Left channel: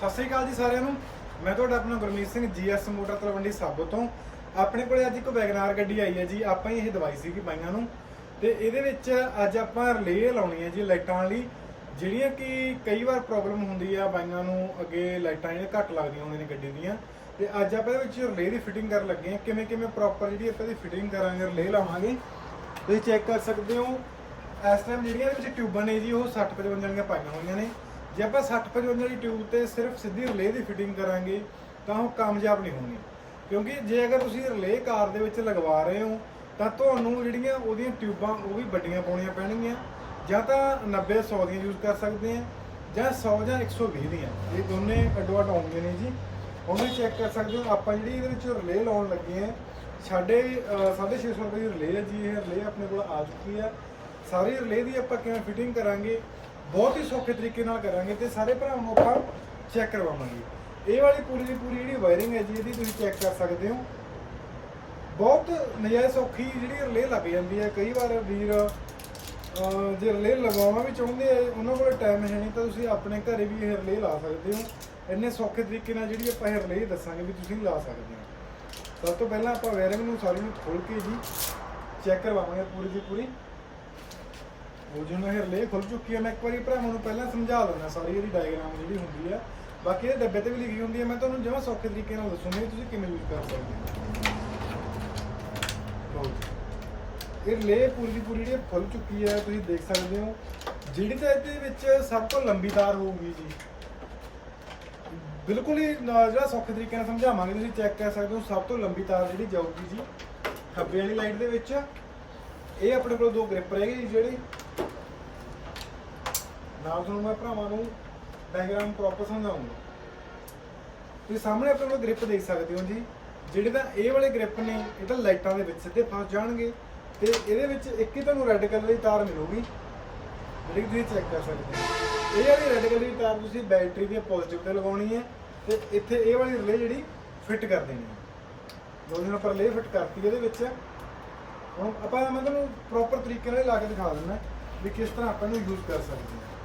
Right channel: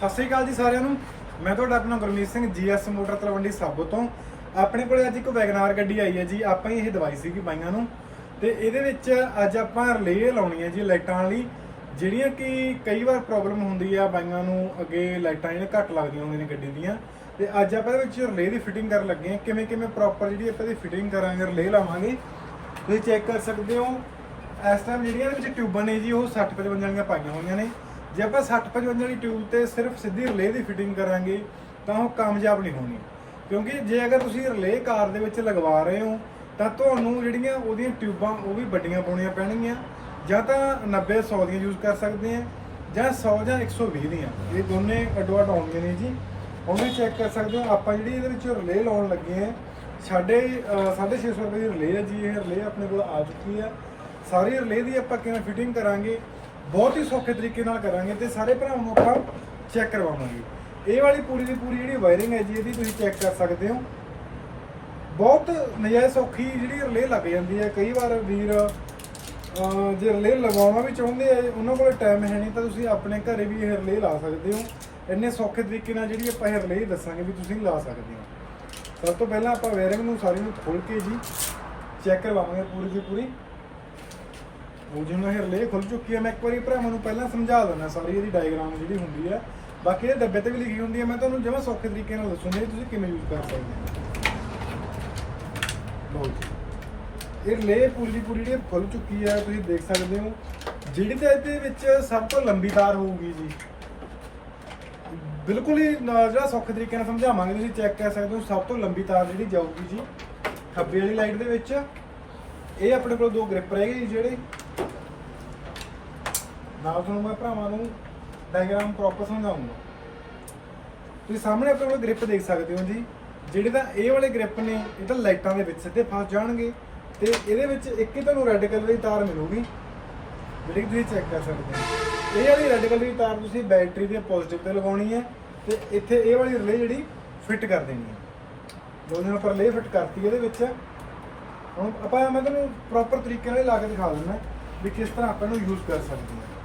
ਸਤਿ ਸ੍ਰੀ ਅਕਾਲ ਜੀ ਸਾਰਿਆਂ ਨੂੰ। ਮੈਂ ਤੁਹਾਡਾ ਆਪਣਾ ਗੁਰਮੀਤ ਸਿੰਘ ਜੀਐਸ ਮੋਟਰ ਤਲਵੰਡੀ ਸਾਬੋ ਤੋਂ। ਆਪਣੇ ਕੋਲੇ ਅੱਜ ਇੱਕ ਵੈਗਨਾਰ ਗੱਡੀ ਆਈ ਹੈ ਜੀ। ਆਪਾਂ ਹੀ ਇਹ ਦਵਾਈ ਸੀਗੀ ਬਾਈਆਂ ਨੂੰ। ਤੇ ਇਹਦੇ ਵਿੱਚ ਅੱਜ ਆਪਾਂ ਰਿਲੇ ਲਾਉਣੀ ਹੈ ਜੀ ਲਾਈਟਾਂ ਵਾਲੀ। ਜਿਹੜੀਆਂ ਕਿ ਕਈ ਵਾਰ ਪ੍ਰੋਬਲਮ ਹੁੰਦੀ ਆ ਬਾਈਆਂ ਨੂੰ। ਅੱਗੇ ਲਾਈਟਾਂ ਜਿਹੜੀਆਂ ਘੱਟ ਲੱਗਦੀਆਂ ਹੁੰਦੀਆਂ ਨੇ ਗੱਡੀ ਦੀਆਂ। ਤੇ ਅੱਜ ਆਪਾਂ ਇਹਦੇ ਵਿੱਚ ਰਿਲੇ ਦੀ ਫਿਟਿੰਗ ਕਰਨ ਲੱਗੇ ਹਾਂ। ਕਿਵੇਂ ਕਿਵੇਂ ਪ੍ਰੋਪਰ ਜਿਹੜੀ ਆਪਾਂ ਇਹਦੀ ਫਿਟਿੰਗ ਕਰਾਂਗੇ ਰਿਲੇ ਲਾਵਾਂਗੇ। ਤੁਸੀਂ ਚੈੱਕ ਕਰ ਸਕਦੇ ਹੋ। ਇਸ ਟਾਈਮ ਜਿਹੜੀਆਂ ਇਹਦੇ ਵਿੱਚ ਟਿਊਬਾਂ ਨੇ ਜੀ, ਉਹ 60 55 ਵਾਲੀਆਂ ਪਾਈਆਂ ਹੋਈਆਂ ਨੇ। ਜੇ ਆਪਾਂ 60 55 ਵਾਲੀ ਟਿਊਬ ਤੇ ਸਿਰਫ ਸਿੱਧੀ ਰਿਲੇ ਦੀ ਫਿਟਿੰਗ ਕਰਾਂਗੇ, ਤਾਂ ਉਹ ਕਾਮਯਾਬ ਨਹੀਂ ਹੋਣੀ। ਕਿਉਂਕਿ ਜੇ ਅਗਰ ਤੁਸੀਂ ਰਿਲੇ ਕਾਰ ਦੇ ਵਿੱਚ ਲਗਵਾ ਰਹੇ ਹੋ, ਤਾਂ ਤੁਹਾਨੂੰ ਜਿਹੜੀਆਂ ਉਹਦੀਆਂ ਟਿਊਬਾਂ, ਉਹ ਵੀ ਵੱਡੀਆਂ ਪਾਉਣੀਆਂ ਪੈਣਗੀਆਂ। ਜਾਂ ਤਾਂ 90 100 ਦੀਆਂ ਯੂਜ਼ ਕਰ ਸਕਦੇ ਆ, ਜਾਂ 100 ਜਾਂ 120 ਦੀਆਂ। ਇਹ ਦੋਨੇ ਅੱਡੋ ਅੱਡ ਆਉਂਦੀਆਂ ਨੇ ਜੀ। ਹੁਣ ਵੀ ਚੈੱਕ ਕਰ ਸਕਦੇ ਹੋ। ਆਪਾਂ ਜਿਹੜੀ ਇਹਦੇ ਵਿੱਚ ਰਿਲੇ ਲਾਉਣ ਲੱਗੇ ਆ, ਸਾਡੇ 650 ਰੁਪਏ ਦੀ ਰਿਲੇ ਹੈ ਜੀ। ਇਹ ਰਿਲੇ ਆਪਣੇ ਕੋਲ ਆ ਚੁੱਕੀ ਹੈ ਸਾਰੀ ਰਿਲੇ ਦੀ ਆਪਾਂ ਕਿਵੇਂ ਫਿਟਿੰਗ ਕਰਾਂਗੇ? ਬਹੁਤ ਹੀ ਸੌਖੇ ਤਰੀਕੇ ਨਾਲ ਕਰਾਂਗੇ ਤੇ ਸਾਰੇ ਭਰਾਵਾਂ ਨੂੰ ਆਪਾਂ ਚੈੱਕ ਕਰਵਾਵਾਂਗੇ। ਇਹ ਵਾਲੀ ਪੂਰੀ ਦੀ ਪੂਰੀ ਜਿਹੜੀ ਵਾਇਰਿੰਗ ਹੈ ਜੀ, ਇਹਦੀ ਤੁਸੀਂ ਚੈੱਕ ਕਰ ਸਕਦੇ ਹੋ। ਬਹੁਤ ਨਜਾਇਜ਼ ਸੌਖੀ ਜਿਹੜੀ ਰਿਲੇ ਲੱਗ ਜਾਂਦੀ ਹੈ। ਕਈ ਵਾਰ ਵੀਰ ਜੇ ਰਿਲੇ ਲਗਵਾਉਣਾ ਵੀ ਚਾਹੁੰਦੇ ਆ, ਉਹਨਾਂ ਕੋਲ ਟਾਈਮ ਹੈ ਨਹੀਂ ਤਾਂ ਤੁਸੀਂ ਆਪਣੇ ਘਰੇ ਵੀ ਇਹ ਰਿਲੇ ਲਾ ਸਕਦੇ ਹੋ। ਇੰਨੇ ਸੌਖੇ ਤਰੀਕੇ ਨਾਲ ਜਿਹੜੀ ਆਪਾਂ ਇਹ ਰਿਲੇ ਦੱਸਾਂਗੇ ਵੀ ਤੁਸੀਂ ਲਾ ਸਕਦੇ ਹੋ। ਸਭ ਤੋਂ ਪਹਿਲਾਂ ਆਪਾਂ ਵਾਇਰਿੰਗ ਨੂੰ ਸਾਰੀ ਨੂੰ ਖੋਲ ਕੇ ਜੀ ਚੈੱਕ ਕਰਵਾਵਾਂਗੇ ਪੂਰੀ ਦੀ ਪੂਰੀ। ਉਹ ਜਿਵੇਂ ਇਹ ਰਿਲੇ ਖੁੱਲ ਚੁੱਕੀ ਹੈ, ਮੈਂ ਇੱਕ ਵਾਰੀ ਭਰਾਵਾਂ ਨੂੰ ਪਹਿਲਾਂ ਸਮਝਾ ਦਿੰਦਾ, ਸਾਰੀ ਇਹਦੀ ਡਾਇਗਰਾਮ ਜਿਹੜੀ ਹੁੰਦੀ ਹੈ। ਬਾਕੀ ਇਹ ਡੱਬੇ ਤੇ ਵੀ ਲਿਖੀ ਹੁੰਦੀ ਹੈ, ਮੈਂ ਤੁਹਾਨੂੰ ਜਿਵੇਂ ਸੌਖੇ ਤਰੀਕੇ ਨਾਲ ਦੱਸੂੰਗਾ ਵੀ ਤੁਸੀਂ ਕਿਵੇਂ ਯੂਜ਼ ਕਰ ਸਕਦੇ ਹੋ। ਇਹ ਰਿਲੇ ਪੂਰੀ ਦੀ ਪੂਰੀ ਜਿਹੜੀ ਖੁੱਲ ਚੁੱਕੀ ਹੈ, ਤੁਸੀਂ ਦੇਖ ਸਕਦੇ ਹੋ। ਜਿਹੜੀ ਤਾਂ ਇਹਦੇ ਵਿੱਚ ਸਭ ਤੋਂ ਲੰਬੀ ਤਾਰ ਹੋਊਗੀ ਜੀ। ਬਿਲਕੁਲ ਹੀ ਨਾ- ਜਿਹੜਾ ਸੌਖੇ ਤਰੀਕੇ ਨਾਲ ਸਮਝਾਵਾਂਗੇ, ਤੁਸੀਂ ਚੈੱਕ ਕਰ ਸਕਦੇ ਹੋ, ਸਭ ਤੋਂ ਲੰਬੀ ਤਾਰ ਜਿਹੜੀ ਜਾਊਗੀ ਜੀ, ਖੱਬੇ ਵਾਲੀ ਲਾਈਟ ਦੇ ਵਿੱਚ। ਇਹ ਆਪਣੇ ਕੋਲ ਦੋ ਗ੍ਰਿਪ ਰਹਿ ਗਏ ਜੀ, ਜਿਹੜੇ ਨਾਲ ਤੁਹਾਨੂੰ ਮੈਂ ਭਰਾਵਾਂ ਨੂੰ ਡਾਇਗ੍ਰਾਮ ਪ੍ਰੋਪਰ ਸਮਝਾਉਂਗਾ। ਤੁਸੀਂ ਸਾਹਮਣੇ ਆਪਣੇ ਕੋਲ ਗ੍ਰਿਪ ਦੇਖ ਸਕਦੇ ਹੋ ਜੀ। ਜਿਹੜੇ ਤਾਂ ਇਹ ਵਾਲੇ ਗ੍ਰਿਪ ਨੇ, ਇਹ ਤਾਂ ਲਾਈਟਾਂ ਦੇ ਵਿੱਚ ਸਿੱਧੇ ਫਸ ਜਾਣਗੇ ਤੇ ਇਹਦੇ ਵਿੱਚ ਇੱਕ ਹੀ ਤੁਹਾਨੂੰ ਰੈੱਡ ਕਲਰ ਦੀ ਤਾਰ ਮਿਲੂਗੀ, ਜਿਹੜੀ ਕਿ ਤੁਸੀਂ ਚੈੱਕ ਕਰ ਸਕਦੇ ਹੋ। ਇਹ ਵਾਲੀ ਰੈੱਡ ਕਲਰ ਦੀ ਤਾਰ ਤੁਸੀਂ ਬੈਟਰੀ ਦੇ ਪੋਜ਼ਿਟਿਵ ਤੇ ਲਗਾਉਣੀ ਹੈ ਤੇ ਇੱਥੇ ਇਹ ਵਾਲੀ ਰਿਲੇ ਜਿਹੜੀ ਫਿੱਟ ਕਰ ਦੇਣੀ ਹੈ। ਜੋ ਜਿਹਨਾਂ ਪਰ ਰਿਲੇ ਫਿੱਟ ਕਰਤੀ ਇਹਦੇ ਵਿੱਚ। ਹੁਣ ਆਪਾਂ ਮੈਂ ਤੁਹਾਨੂੰ ਪ੍ਰੋਪਰ ਤਰੀਕੇ ਨਾਲ ਲਾ ਕੇ ਦਿਖਾ ਦਿੰਦਾ ਵੀ ਕਿਸ ਤਰ੍ਹਾਂ ਆਪਾਂ ਇਹਨੂੰ ਯੂਜ਼ ਕਰ ਸਕਦੇ ਹਾਂ।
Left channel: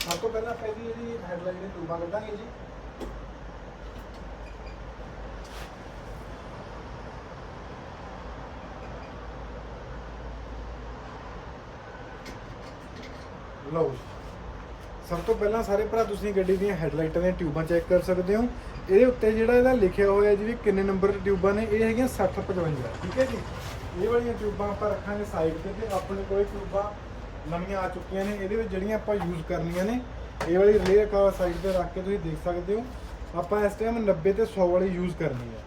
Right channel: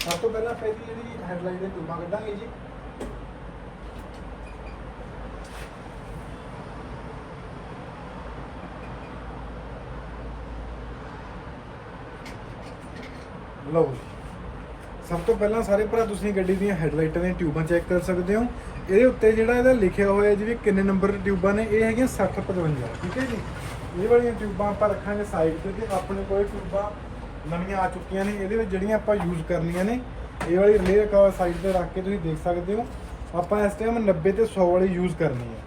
ਸਭ ਤੋਂ ਪਹਿਲਾਂ ਆਪਾਂ ਇਹਦੀ ਜਿਹੜੀ ਹੈਡਲਾਈਟ ਦੇ ਟਿਊਬਾਂ ਕੱਢਾਂਗੇ ਜੀ। ਲਓ ਸਭ ਤੋਂ ਪਹਿਲਾਂ ਸਾਰੇ ਭਰਾ, ਤੁਸੀਂ ਗੱਡੀ ਦੀਆਂ ਹੈਡਲਾਈਟਾਂ ਦੀਆਂ ਟਿਊਬਾਂ ਚੈੱਕ ਕਰ ਸਕਦੇ ਹੋ। ਇਹਦੇ ਉੱਤੇ ਜਿਹੜਾ ਇਹਦਾ ਲਿਖਿਆ ਹੋਇਆ ਜੀ ਵੀ ਕਿੰਨੇ ਨੰਬਰ ਟਿਊਬਾਂ ਨੇ, ਇਹ ਹੈਗੀਆਂ 60 55 ਠੀਕ ਹੈ ਜੀ? ਇਹ ਵਾਲੀਆਂ ਟਿਊਬਾਂ ਆਪਾਂ ਰੱਖਾਂਗੇ ਸਾਈਡ ਤੇ ਤੇ ਆਪਣੇ ਕੋਲ ਟਿਊਬਾਂ ਨਵੀਆਂ ਆ ਚੁੱਕੀਆਂ ਨੇ, ਇਹਦੇ ਵਿੱਚ ਜਿਹੜੀਆਂ ਆਪਾਂ ਯੂਜ਼ ਕਰਨੀਆਂ ਨੇ, ਇਹ ਵਾਲੀ ਰਿਲੇ ਰੱਖਾ ਸਾਈਡ ਤੇ ਰੱਖ ਕੇ ਤੁਸੀਂ ਦੇਖ ਸਕਦੇ ਹੋ। ਆਪਾਂ ਇਸ ਟਾਈਮ 90 ਤੇ 100 ਵਾਲੀ ਯੂਜ਼ ਕਰਨੀ ਹੈ।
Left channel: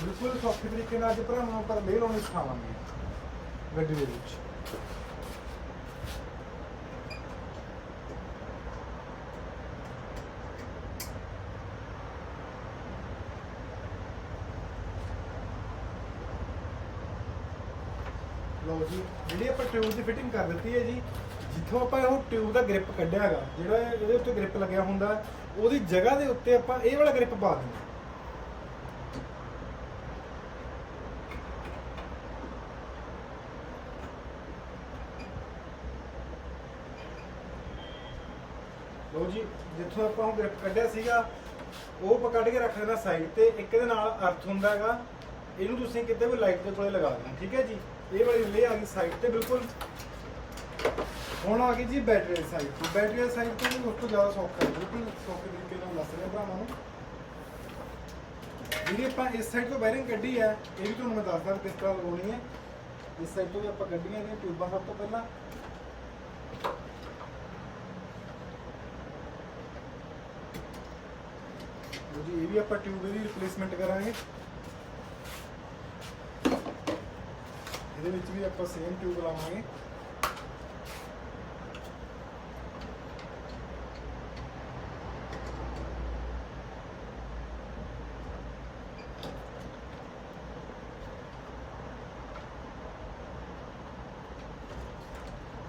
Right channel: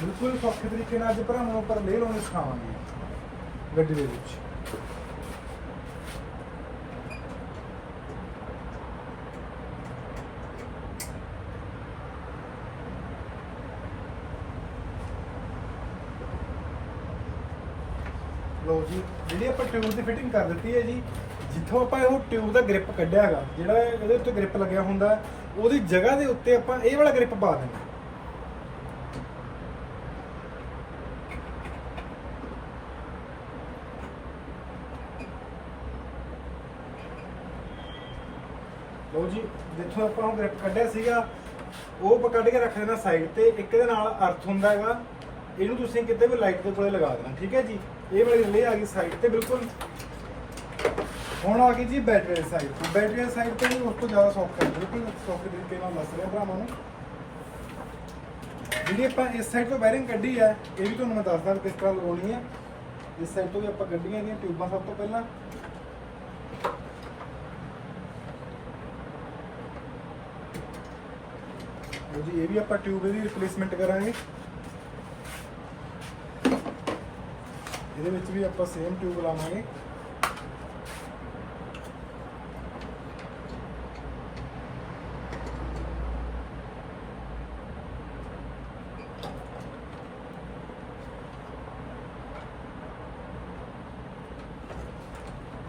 ਬਿਲਕੁਲ ਸੌਖੇ ਤਰੀਕੇ ਨਾਲ ਅੱਜ ਭਰਾਵਾਂ ਉੱਪਰ ਲੈ ਲਾਉਣੀ ਸਿਖਾਵਾਂਗੇ ਗੱਡੀ ਦੇ ਵਿੱਚ। ਲੋ ਜੀ, ਜਿਹੜੀ ਆਪਾਂ ਟਿਊਬ ਦੀ ਫਿਟਿੰਗ ਕਰ ਦਿੱਤੀ ਹੈ ਜੀ, ਜਿੱਥੋਂ ਆਪਾਂ ਇਹਨੂੰ ਟਿਊਬ ਦਾ ਗ੍ਰਿਪ ਕੱਢਿਆ ਹੈਗਾ, ਜਿਹੜਾ ਇਹਦੇ ਉੱਤੇ ਗ੍ਰਿਪ ਲੱਗਿਆ ਹੁੰਦਾ, ਉਹਦੀ ਜਗ੍ਹਾ ਦੇ ਉੱਤੇ ਆਪਾਂ ਇਹ ਵਾਲਾ ਗ੍ਰਿਪ ਪਾ ਦੇਣਾ ਲੋ ਜੀ, ਜਿੱਥੋਂ ਆਪਾਂ ਉਹ ਗ੍ਰਿਪ ਕੱਢਿਆ ਸੀਗਾ, ਉਹ ਆਪਾਂ ਕੱਢ ਕੇ ਰੱਖ ਦੇਣਾ ਸਾਈਡ ਤੇ, ਇੱਕ ਦੇ ਨਾਲ ਅਰਥ ਹੁੰਦਾ ਹੈਗਾ, ਇਹਨੂੰ ਤੁਸੀਂ ਕਿਤੇ ਵੀ ਲਾਈਟ ਦੇ ਕੋਲੇ ਲਗਾ ਦੇਣਾ, ਠੀਕ ਹੈ ਜੀ? ਇਹ ਵਾਲੀ ਰਿਲੇ ਆ ਗਈ ਸਾਈਡ ਤੇ, ਬਿਲਕੁਲ। ਹੁਣ ਆ ਗਈ ਜੀ ਬੈਟਰੀ ਸਾਈਡ ਤੇ ਬੈਟਰੀ ਸਾਈਡ ਤੇ ਵੀ ਉਸ ਤੋਂ ਜ਼ਿਆਦਾ ਸੌਖਾ ਹੈ, ਬਿਲਕੁਲ ਸੌਖੇ ਤਰੀਕੇ ਨਾਲ ਦੱਸ ਰਿਹਾ ਭਰਾਵਾਂ ਨੂੰ। ਜਿਹੜੀ ਆਪਾਂ ਇਸ ਸਾਈਡ ਤੋਂ ਵਾਇਰਿੰਗ ਕੱਢੀ ਆ, ਇਹ ਵੀ ਤੁਹਾਨੂੰ ਮੈਂ ਦੱਸਦਾ ਕਿਸ ਤਰ੍ਹਾਂ ਲਗਾਉਣੀ ਆ। ਇਸ ਸਾਈਡ ਤੋਂ ਵੀ ਆਪਾਂ ਕੱਢੀਆਂ ਇਹਦੀਆਂ ਟਿਊਬਾਂ ਸਭ ਤੋਂ ਪਹਿਲਾਂ। ਜੀ, ਇਹ ਵੀ ਆਪਾਂ ਟਿਊਬ ਦੀ ਰਿਪਲੇਸਮੈਂਟ ਕਰਾਂਗੇ। ਇਹਦੇ ਵਿੱਚ ਵੀ ਆਪਾਂ ਸੇਮ ਟਿਊਬ ਲਾਵਾਂਗੇ।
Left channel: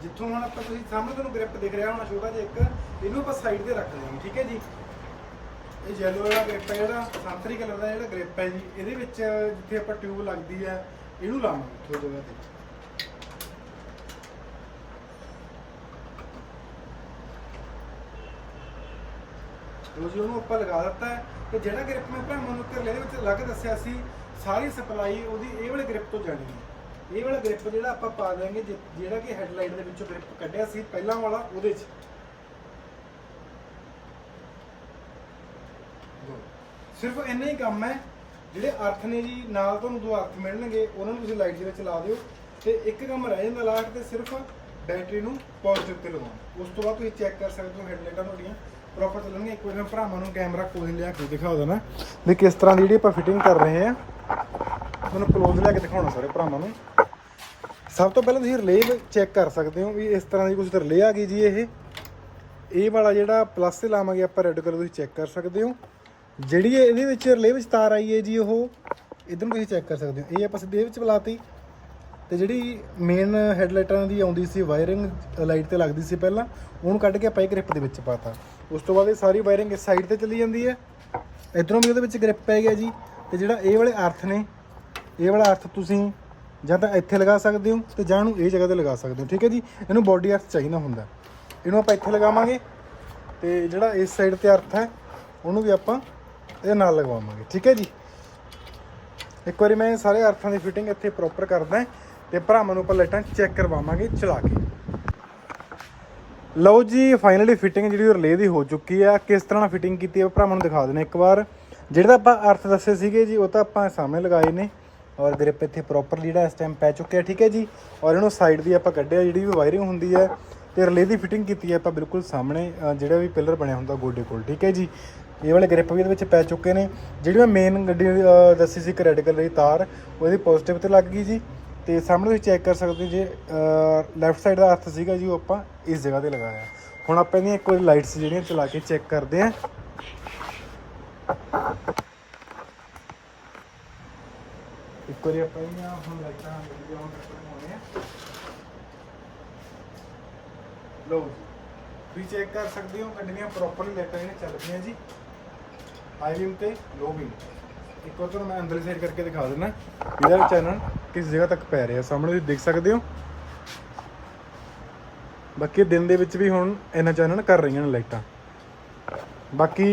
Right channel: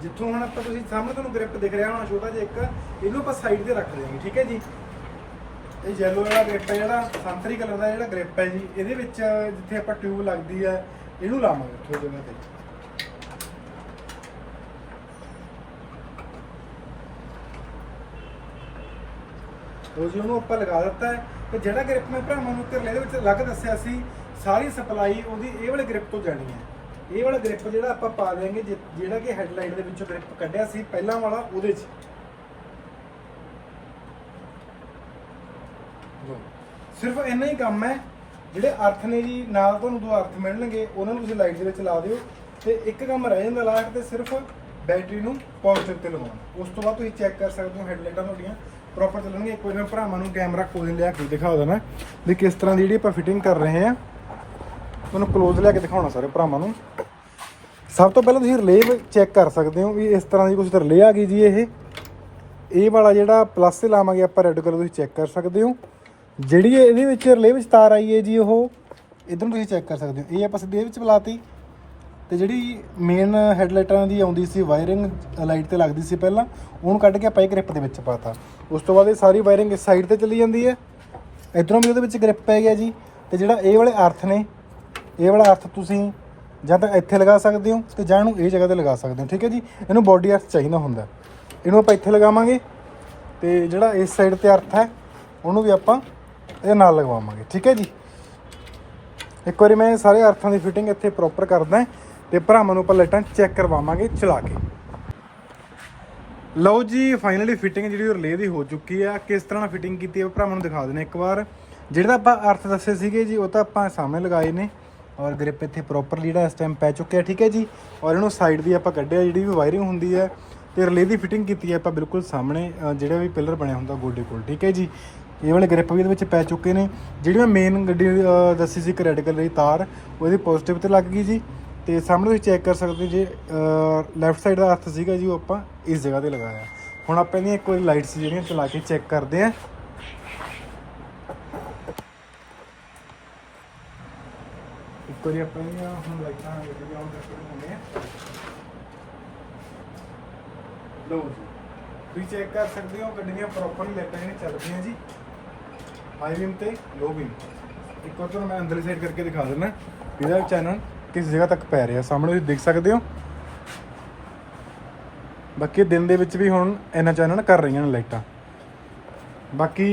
ਜਿੱਥੋਂ ਹੁਣ ਆਪਾਂ ਤੁਸੀਂ ਸਾਹਮਣੇ ਤੁਹਾਨੂੰ ਗ੍ਰਿਪ ਦਿਖ ਰਿਹਾ ਹੋਣਾ ਛੋਟਾ ਜਿਹਾ ਇੱਕ, ਇਹਨੂੰ ਆਪਾਂ ਸਾਈਡ ਤੇ ਰੱਖ ਦੇਵਾਂਗੇ, ਠੀਕ ਹੈ ਜੀ? ਇਹ ਯੈਲੋ ਵਾਲਾ ਗ੍ਰਿਪ ਹੈ ਜਿਹੜਾ, ਸੰਤਰੀ ਕਲਰ ਦਾ ਜਿਹੜਾ ਗ੍ਰਿਪ ਹੈ ਜੀ, ਇਹਦੇ ਵਿੱਚ ਜਿੱਥੇ ਆਪਾਂ ਟਿਊਬ ਲੱਗਦੀ ਹੈ ਇਹਨੂੰ ਲਾਵਾਂਗੇ ਥੋੜੀ ਜਗ੍ਹਾ ਤੇ ਉਹ ਜੀ ਉਹਨੂੰ ਆਪਾਂ ਲਗਾ ਦਿੱਤਾ ਹੈ ਤੇ ਜਿਹੜਾ ਗ੍ਰਿਪ ਮੈਂ ਭਰਾਵਾਂ ਨੂੰ ਧਿਰਲੇ ਦੇ ਵਿੱਚ ਲੱਗ ਦੱਸਿਆ ਸੀ ਸਾਰੀ ਸਪਲਾਈ ਉਹਦੀ ਇਹ ਵਾਲੇ ਗ੍ਰਿਪ ਤੋਂ ਜਾਣੀ ਹੈ ਇਹ ਵਾਲਾ ਗ੍ਰਿਪ ਜਿਹੜਾ ਆਪਾਂ ਪਾ ਦੇਾਂਗੇ ਜਿਹੜਾ ਕਿ ਹੈਡਲਾਈਟ ਦੇ ਵਿੱਚੋਂ ਗ੍ਰਿਪ ਕੱਢਿਆ ਸੀ ਪਹਿਲਾਂ ਵਾਲਾ ਉਹਦੇ 'ਚ ਸਿਰਫ ਇੰਨਾ ਹੀ ਕੰਮ ਹੈ ਜਿਹੜੇ ਅਰਥ ਨੇ ਜੀ, ਨਾਲ ਤੁਹਾਨੂੰ ਦੋ ਅਰਥ ਮਿਲਣਗੇ, ਉਹਨਾਂ ਨੂੰ ਤੁਸੀਂ ਲਾਈਟ ਦੇ ਵਿੱਚ ਲਾ ਦਿਓ ਤੇ ਇੱਕ ਕੰਮ ਰਹਿ ਜਾਂਦਾ ਲਾਸਟ ਤੇ ਸਿਰਫ ਬੈਟਰੀ ਨੂੰ ਪੋਜ਼ਿਟਿਵ ਤੇ ਲਗਾਉਣਾ ਉਸ ਤੋਂ ਬਾਅਦ ਤੁਸੀਂ ਚੈੱਕ ਕਰ ਸਕਦੇ ਹੋ ਹੈਡਲਾਈਟਾਂ ਤੁਹਾਡੀਆਂ ਪ੍ਰੋਪਰ ਚੱਲਣਗੀਆਂ। ਇੱਕ ਵਾਰ ਭਰਾਵਾਂ ਨੂੰ ਕੈਮਰਾ ਕੋਲ ਲਿਆ ਕੇ ਦਿਖਾ ਦੇਣਾ। ਵੀ ਕਿਸ ਤਰ੍ਹਾਂ ਦੀ ਜਿਹੜੀ ਆਪਾਂ ਫਿਟਿੰਗ ਕਰ ਰਹੇ ਆ ਤੁਹਾਨੂੰ ਕਲੋਜ਼ ਲਿਆ ਕੇ ਦਿਖਾਉਣਾ ਸਾਰੇ ਭਰਾਵਾਂ ਨੂੰ। ਸਭ ਤੋਂ ਪਹਿਲਾਂ ਤੁਸੀਂ ਰਿਲੇ ਚੈੱਕ ਕਰ ਸਕਦੇ ਹੋ ਵੀ ਇਸ ਤਰ੍ਹਾਂ ਦੀ ਕੁਝ ਰਿਲੇ ਆ ਗਈ ਜੀ ਇਹ। ਇਹ ਵਾਲਾ ਜਿਹੜਾ ਪਲੱਸ ਤੇ ਲਾਵਾਂਗੇ ਆਪਾਂ ਰੈੱਡ ਕਲਰ ਤੁਸੀਂ ਚੈੱਕ ਕਰ ਸਕਦੇ ਹੋ। ਜਿਹੜੀ ਇਹਦੇ ਵਿੱਚ ਰਿਲੇ ਵਿੱਚ ਤਾਰ ਆਈ ਹੈ ਜੀ ਉਹ, ਇਧਰ ਨੂੰ ਤੁਸੀਂ ਚੈੱਕ ਕਰ ਸਕਦੇ ਹੋ। ਇਹ ਆਪਾਂ ਸਿੱਧੇ ਵਿੱਚ ਬੁਲਾਤੀ। ਤੇ ਜਿਹੜੀ ਮੇਨ ਹੈਡਲਾਈਟਾਂ ਦੀ ਆਉਂਦੀ ਸੀ ਵਾਇਰਿੰਗ ਲਾਈਟ ਤੇ ਲੱਗਦੀ ਸੀ ਪਹਿਲਾਂ, ਉਹਨੂੰ ਕੱਢ ਕੇ ਆਪਾਂ ਇਹ ਗ੍ਰਿਪ ਦੇ ਵਿੱਚ ਪਾਤਾ। ਉਸ ਤੋਂ ਬਾਅਦ ਇਹ ਸਾਰੀ ਵਾਇਰਿੰਗ ਇਸ ਸਾਈਡ ਤੇ ਚਲੀ ਜਾਂਦੀ ਹੈ। ਇਧਰੋਂ ਵੀ ਉਹਦੇ ਵਿੱਚ ਗ੍ਰਿਪ ਪੈ ਗਿਆ ਜੀ। ਤੇ ਜਿਹੜਾ ਇਹ ਵਾਲੇ ਅਰਥ ਨੇ, ਇਹ ਵਾਲਾ ਅਰਥ ਤੁਸੀਂ ਜਾਂ ਤਾਂ ਇੱਥੇ ਲਗਾ ਸਕਦੇ ਹੋ ਤੇ ਜਾਂ ਇਹਨੂੰ ਇਹ ਜਗ੍ਹਾ ਤੇ ਲਗਾ ਸਕਦੇ ਹੋ। ਠੀਕ ਹੈ ਜੀ? ਇਹਨੂੰ ਬੋਡੀ ਅਰਥ ਚਾਹੀਦਾ ਹੁੰਦਾ। ਇਹਨੂੰ ਆਪਾਂ ਇੱਥੇ ਲਗਾਵਾਂਗੇ। ਤੇ ਜਿਹੜਾ ਇਸ ਸਾਈਡ ਤੇ ਅਰਥ ਹੈ, ਉਹਨੂੰ ਵੀ ਆਪਾਂ ਇਹਦੇ ਨਾਲ ਲਗਵਾਵਾਂਗੇ, ਠੀਕ ਹੈ ਜੀ? ਇੱਕ ਵਾਰੀ ਮੈਂ ਸਾਰੇ ਅਰਥਾਂ ਦੀ ਫਿਟਿੰਗ ਇੱਥੇ ਪ੍ਰੋਪਰ ਕਰਦਾ ਤੇ ਭਰਾਵਾਂ ਨੂੰ ਆਪਾਂ ਲਾਈਟਾਂ ਚੈੱਕ ਕਰਵਾਵਾਂਗੇ ਚਲਾ ਕੇ। ਲਓ ਜੀ ਫਾਈਨਲੀ ਫਿਟਿੰਗ ਜਿਹੜੀ ਉਹ ਰਿਲੇ ਦੀ ਹੋ ਚੁੱਕੀ ਆ ਕਿਸ ਤਰ੍ਹਾਂ ਨਾਲ ਫਿਟਿੰਗ ਕੀਤੀ ਹੈ ਭਰਾਵਾਂ ਨੂੰ ਦਿਖਾ ਦਿੰਦੇ ਇੱਕ ਵਾਰ। ਜਿਹੜੇ ਤਾਂ ਆਪਾਂ ਅਰਥ ਦੱਸੇ ਸੀਗੇ ਜੀ, ਉਹ ਤਾਂ ਆਪਾਂ ਸਾਹਮਣੇ ਲਗਾਏ ਨੇ ਔਰ ਗ੍ਰਿਪ ਇੱਥੇ ਪ੍ਰੋਪਰ ਜਿਹੜਾ ਇਸ ਟਾਈਮ ਪੈ ਚੁੱਕਿਆ, ਠੀਕ ਹੈ ਜੀ? ਔਰ ਇਹਨੂੰ ਸਾਈਡ ਦੀ ਆਪਾਂ ਕੱਢਿਆ, ਜਿਹੜੀ ਵੀ ਵਾਇਰਿੰਗ ਹੁੰਦੀ ਹੈ ਤੇ ਰਿਲੇ ਦੀ ਫਿਟਿੰਗ ਕੀਤੀ ਹੈ ਆਪਾਂ ਬਿਲਕੁਲ ਸਾਹਮਣੇ ਜਿਹੜਾ ਵੀ ਪਿਲਰ ਬਣਿਆ ਹੁੰਦਾ ਗੋਡੇ ਕੋਲ, ਠੀਕ ਹੈ ਜੀ? ਇਹ ਵਾਲੇ ਗ੍ਰਿਪ ਵੀ ਇਹਦੇ ਵਿੱਚ ਪੈ ਚੁੱਕੇ ਨੇ। ਜਿਹੜੀ ਮੈਂ ਮੇਨ ਗੱਡੀ ਅ, ਦੱਸੀ ਸੀ ਕਿ ਰੈੱਡ ਕਲਰ ਦੀ ਤਾਰ ਉਹਦੀ ਪੋਜ਼ਿਟਿਵ ਤੇ ਲੱਗ ਗਈ ਜੀ। ਤੇ ਸਾਹਮਣੇ ਤੁਸੀਂ ਚੈੱਕ ਕਰ ਸਕਦੇ ਹੋ ਜੇ ਲੈਫਟ ਸਾਈਡ ਦਾ ਹੱਥ ਸੀਗਾ ਜੀ ਉਹ ਆਪਾਂ ਇਸ ਜਗ੍ਹਾ ਤੇ ਲਗਾਇਆ। ਹੁਣ ਆਪਾਂ ਇਹਦੀਆਂ ਇੱਕ ਵਾਰੀ ਲਾਈਟਸ ਜਿਹੜੀਆਂ ਚਲਾ ਕੇ ਚੈੱਕ ਕਰਦੇ ਆਂ ਇੱਕ ਵਾਰੀ ਆਪਾਂ ਇਹਦੀਆਂ ਹੁਣ ਲਾਈਟਾਂ ਜਿਹੜੀਆਂ ਉਹ ਦੇਖੋ ਹੁੰਦੇ ਆ ਲਓ ਜੀ। ਤੁਸੀਂ ਚੈੱਕ ਕਰ ਸਕਦੇ ਹੋ ਗੱਡੀਆਂ ਪ੍ਰੋਪਰਲੀ ਲਾਈਟਾਂ ਜਿਹੜੀਆਂ ਚੱਲ ਰਹੀਆਂ ਜੀ। ਹਾਈ ਬੀਮ ਤੇ ਲੋ ਬੀਮ ਇੱਕ ਵਾਰ ਤੁਹਾਨੂੰ ਮੈਂ ਅੰਦਰ ਸਾਈਡ ਕਰਕੇ ਦਿਖਾ ਦਿੰਦਾ। ਇਹਦਾ ਚੈਨਲ ਕਿਸ ਜਗ੍ਹਾ ਤੱਕ ਪੈ ਰਿਹਾ। ਸਾਹਮਣੇ ਤੁਸੀਂ ਦੇਖ ਸਕਦੇ ਹੋ। ਬਾਕੀ ਦਿਨ ਦੇ ਵਿੱਚ ਵੀ ਹੁਣ ਇਹਨਾਂ ਚੈਨਲ ਕਰ ਰਹੀਆਂ ਨੇ ਲਾਈਟਾਂ। ਬਾਕੀ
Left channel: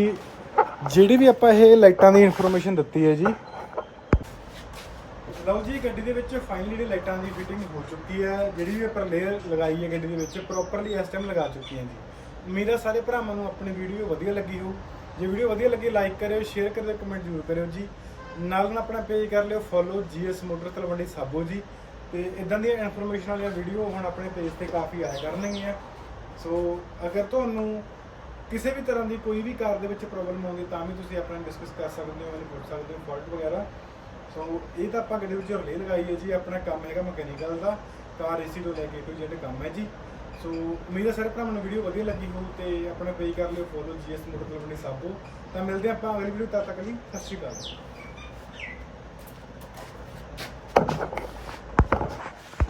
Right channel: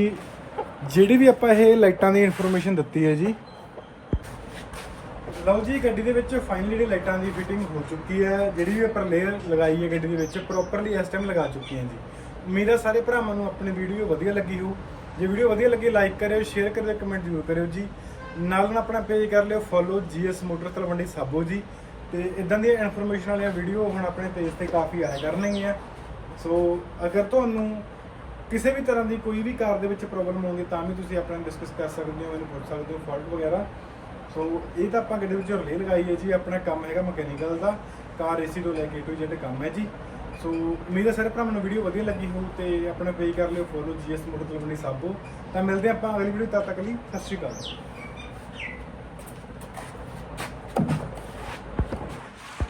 ਜਿਹੜੀ ਵੀ ਆਪਾਂ ਇਹ ਲਾਈਟਾਂ ਦੀ ਇਨਫੋਰਮੇਸ਼ਨ ਦਿੱਤੀ ਹੈ ਜੀ। ਲਓ ਜੀ, ਗੱਡੀ ਦੇ ਵਿੱਚ ਫਾਈਨਲੀ ਜਿਹੜੀ ਲਾਈਟਾਂ ਦੀ ਫਿਟਿੰਗ ਹੋ ਚੁੱਕੀ ਹੈ। ਜਿਹੜੀ ਵੀ ਆਪਾਂ ਲੇਅਰ ਲਗਾਈ ਹੈ ਗੱਡੀ ਦੇ ਵਿੱਚ ਪ੍ਰੋਪਰਲੀ ਇਸ ਟਾਈਮ ਲਗਾ ਚੁੱਕੀ ਹੈ ਜੀ ਉਮੀਦ ਹੈ ਸਾਰੇ ਭਰਾਵਾਂ ਨੂੰ ਆਪਣੀ ਵੀਡੀਓ ਵਧੀਆ ਲੱਗੀ ਹੋਊ। ਜੇ ਵੀਡੀਓ ਵਧੀਆ ਲੱਗੀ ਲਾਈਕ ਕਰਿਓ ਸ਼ੇਅਰ ਕਰਿਓ ਕਮੈਂਟ ਜ਼ਰੂਰ ਕਰਿਓ ਜੀ। ਨਾਲ ਨਾਲ ਆਪਣਾ ਪੇਜ ਕਰ ਲਿਓ follow GS motor Talwandi Sabo ਜੀ। ਤੇ ਇਦਾਂ ਦੀਆਂ ਇਨਫੋਰਮੇਸ਼ਨ ਵਾਲੀਆਂ ਵੀਡੀਓ ਹੁਣ ਆਪਣੇ ਪੇਜ ਤੇ ਕਾਫੀ ਆਇਆ ਕਰਨਗੀਆਂ। ਸੋ ਅਗਰ ਤੁਹਾਨੂੰ ਕਿਸੇ ਵੀ ਤਰ੍ਹਾਂ ਦੀ ਕੋਈ ਵੀ ਕਾਰ ਦੇ ਵਿੱਚ ਪ੍ਰੋਬਲਮ ਹੋਵੇ ਤਾਂ ਵੀ ਤੁਸੀਂ ਆਪਣਾ ਡਿਸਕਸ ਕਰ ਸਕਦੇ ਹੋ ਇਹਨੂੰ ਪੁੱਛ ਸਕਦੇ ਹੋ ਫਾਲਟ ਵਗੈਰਾ। ਸੋ ਇਹ ਤਾਂ ਆਪਾਂ ਗੱਡੀ ਵਿੱਚ ਰਿਲੇ ਲਗਾਈ ਹੈ ਜੀ, ਆਪਣਾ ਕੰਮ ਹੈਗਾ ਮਕੈਨੀਕਲ ਦਾ। ਕਾਰ ਏਸੀ ਤੋਂ ਲੈ ਕੇ ਟੂ ਜ਼ੈਡ ਕੰਮ ਹੈ ਜੀ। ਸੋ ਉਮੀਦ ਹੈ ਸਾਰੇ ਭਰਾਵਾਂ ਨੂੰ ਵੀਡੀਓ ਵਧੀਆ ਲੱਗੀ ਹੋਊ ਤੇ ਆਪਣਾ ਪੇਜ ਕਰ ਲਿਓ follow GS motor company Sabo ਤਾਂ ਮਿਲਦੇ ਹਾਂ ਆਪਾਂ ਅਗਲੀ ਵੀਡੀਓ ਤਦ ਤੱਕ ਲਈ। ਸਤਿ ਸ਼੍ਰੀ ਅਕਾਲ।